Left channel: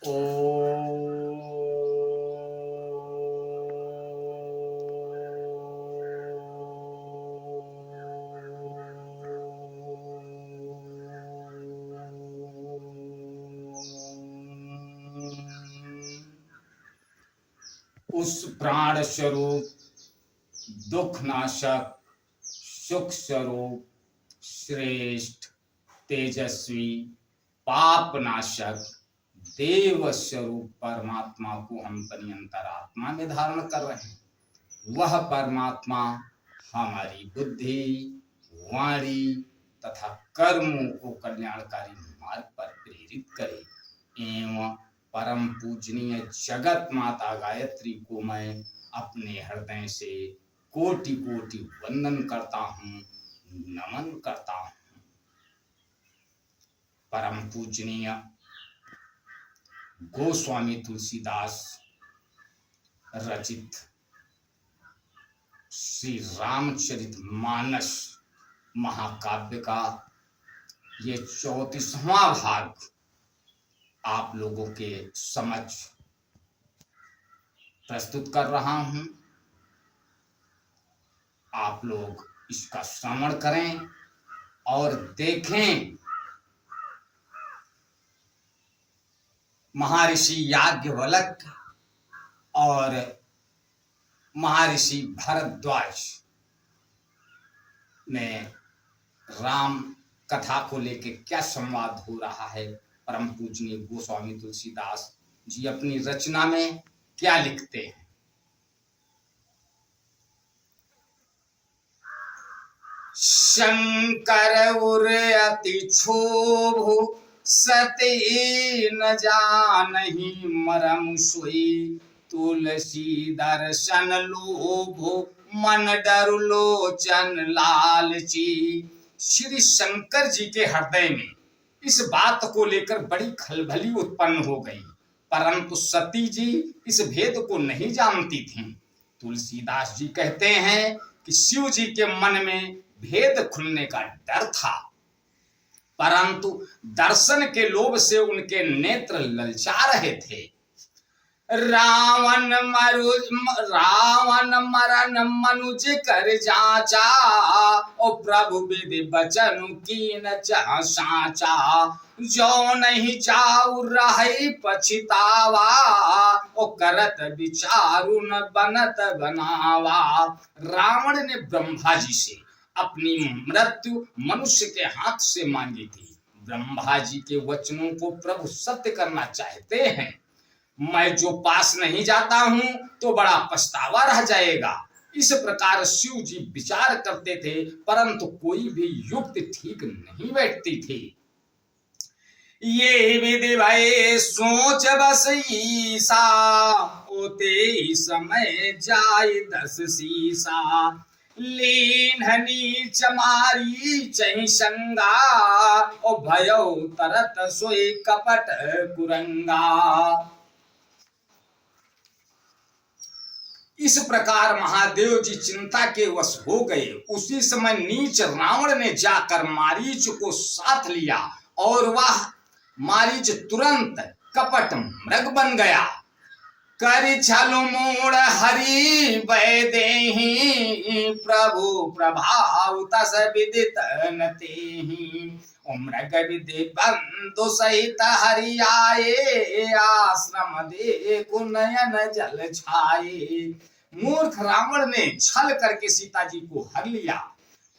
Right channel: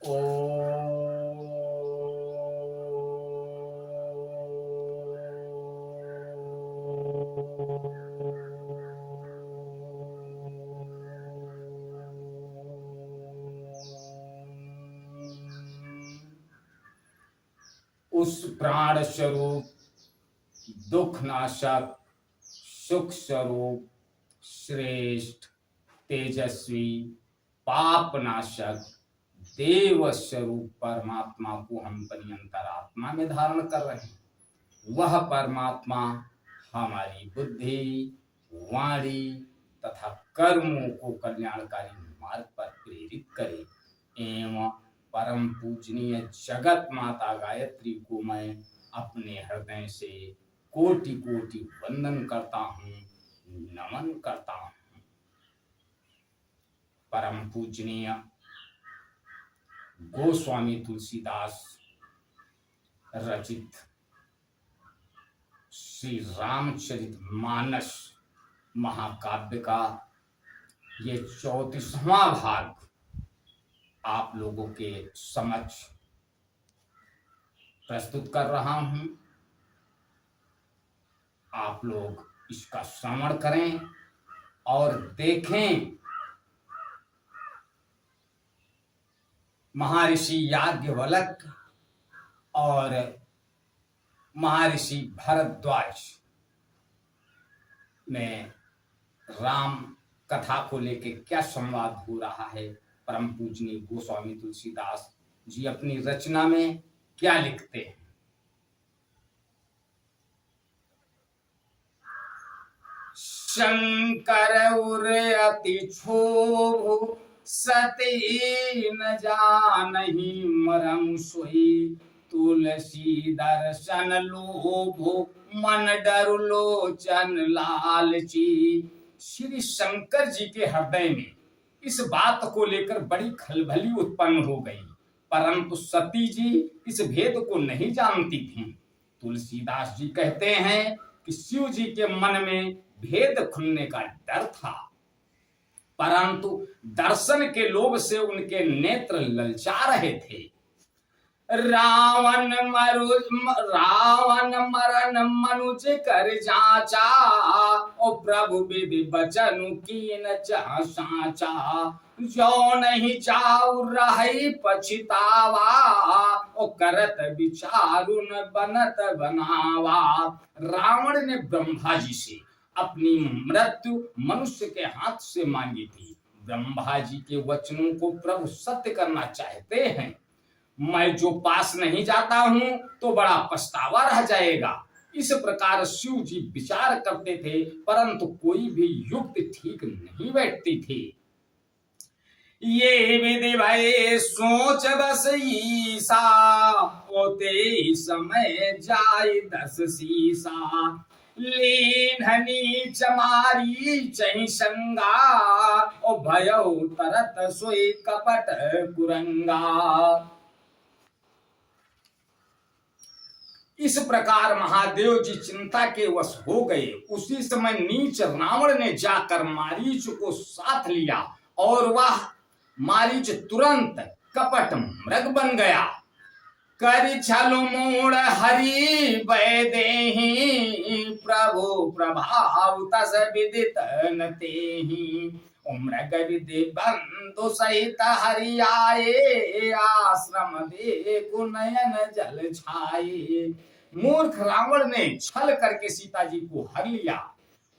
उस प्राण स्वरूप, दुख नाशक, सुख स्वरूप, श्रेष्ठ, तेजस्वी, पाप नाशक, देव स्वरूप परमात्मा को हम अपनी अंतरात्मा में धारण कर रहे हैं। वह परमात्मा हमारी बुद्धि, वाणी तथा कर्मों को कल्याणकारी मार्ग पर प्रेरित करे। एवं परम पूजनीय जगत माता गायत्री को मैं अपने हृदय से कोटि कोटि वंदन करता हूँ, नमन करता हूँ। परम पूजनीय गोस्वामी तुलसीदास रचित श्री रामचरित मानस महाकाव्य का ये 34वां भाग आप लोगों के समक्ष प्रस्तुत कर रहा हूं। आप लोग इसका श्रवण करें और देखें महर्षि याज्ञवल्क्य और महर्षि भारद्वाज में राम कथा को लेकर क्या संवाद हो रहा है। परम पूजनीय गोस्वामी तुलसीदास जी अपनी रचना में क्या लिखते हैं। शंकर उर अति क्षोभ, सती न जानहि मरम सोई, तुलसी दर्शन लोभ, मन डर लोचन लालची। श्री शंकर जी के हृदय में इस बात को लेकर बड़ी खलबली उत्पन्न हो गई, परंतु सती जी इस भेद को नहीं जानती थीं। तुलसीदास जी कहते हैं कि शिव जी के मन में भेद खुलने का डर था, परंतु दर्शन के लोभ से उनके नेत्र ललचा रहे थे। रावण मरण मनुज कर जाचा, ओ प्रभु विधि बचन कीन जा साचा। जो नहीं चाउ रही पछितावा, ओ करत विचारु न बनत बनावा। रावण ने ब्रह्मा जी से अपनी मृत्यु मनुष्य के हाथ से मांगी थी। ब्रह्मा जी के वचनों को प्रभु सत्य करना चाहते हैं। मैं जो पास नहीं जाता हूं तो बड़ा पछतावा रह जाएगा। इस प्रकार शिव जी विचार करते थे, परंतु कोई भी युक्ति ठीक नहीं बैठती थी। ये विधि भय सोच बस ईसा, ओते समय जाय 10 सीसा। लीन्हनी चमारी चहि संगा, ओ भयो तरत सोई कपट कुरंगा। इस प्रकार महादेव जी चिंता के वश हो गए। उसी समय नीच रावण ने जाकर मारीच को साथ लिया और वह मारीच तुरंत कपट मृग बन गया। करि छल मोड़ हरि वैदेहि, प्रभु प्रभाव तस विदित न तेहि। मृग विधि बंधु सहित हरि आए, आश्रम देखु नयन जल छाए। मूर्ख रावण ने छल करके सीता जी को हर लिया।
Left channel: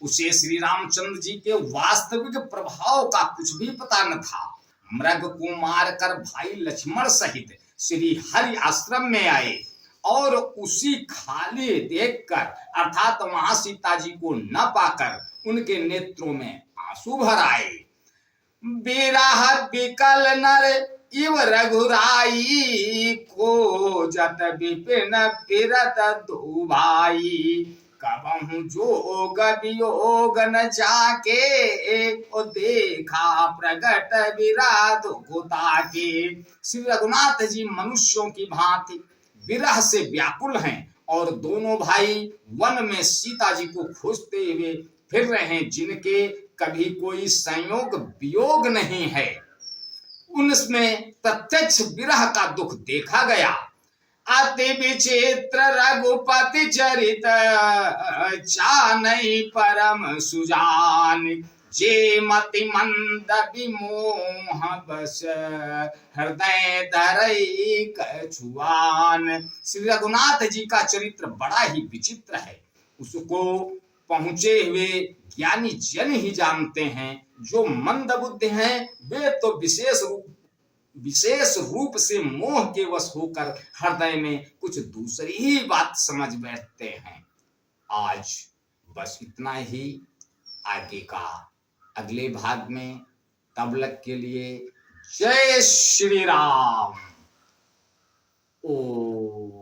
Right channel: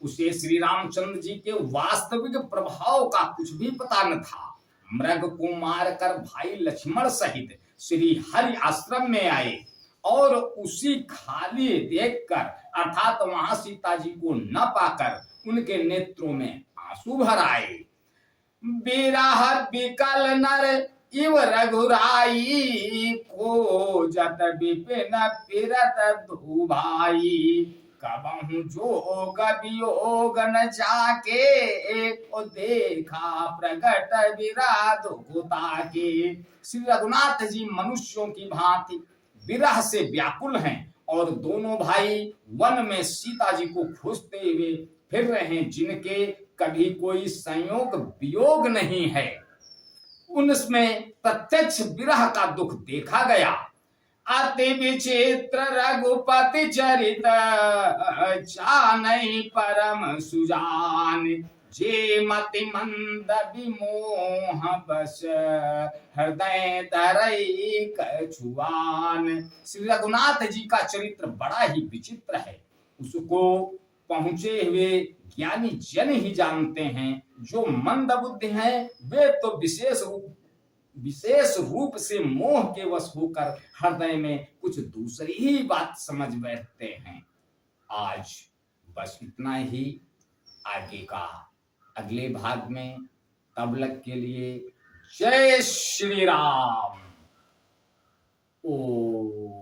उसे श्री रामचंद्र जी के वास्तविक प्रभाव का कुछ भी पता न था। मृग को मारकर भाई लक्ष्मण सहित श्री हरि आश्रम में आए और उसी खाली देखकर अर्थात वहां सीता जी को न पाकर उनके नेत्रों में आंसू भर आए। बिरह बिकल नर इव रघुराई, खोजत विपिन फिरत दो भाई। कबहु जोग वियोग न जाके, ओ देखा प्रगट विराध होता के। श्री रघुनाथ जी मनुष्यों की भांति विरह से व्याकुल हैं और दोनों भाई वन में सीता जी को खोजते हुए फिर रहे हैं, जिनके कभी कोई संयोग वियोग नहीं है। उनमें प्रत्यक्ष विरह का दुख देखा गया। अति विचित्र रघुपति चरित चानई परम सुजान, जे मति मंद विमोह बस हृदय धरई कछुआन। श्री रघुनाथ जी का चरित्र बड़ा ही विचित्र है। उसको पहुंचे हुए ज्ञानी जन ही जानते हैं। जो मंद बुद्धि हैं वे तो विशेष रूप से मोह के वश होकर हृदय में कुछ दूसरी ही बात समझ बैठते हैं। आज बस इतना ही। आगे का अगले भाग में, तब तक के लिए जय श्री राम। ओ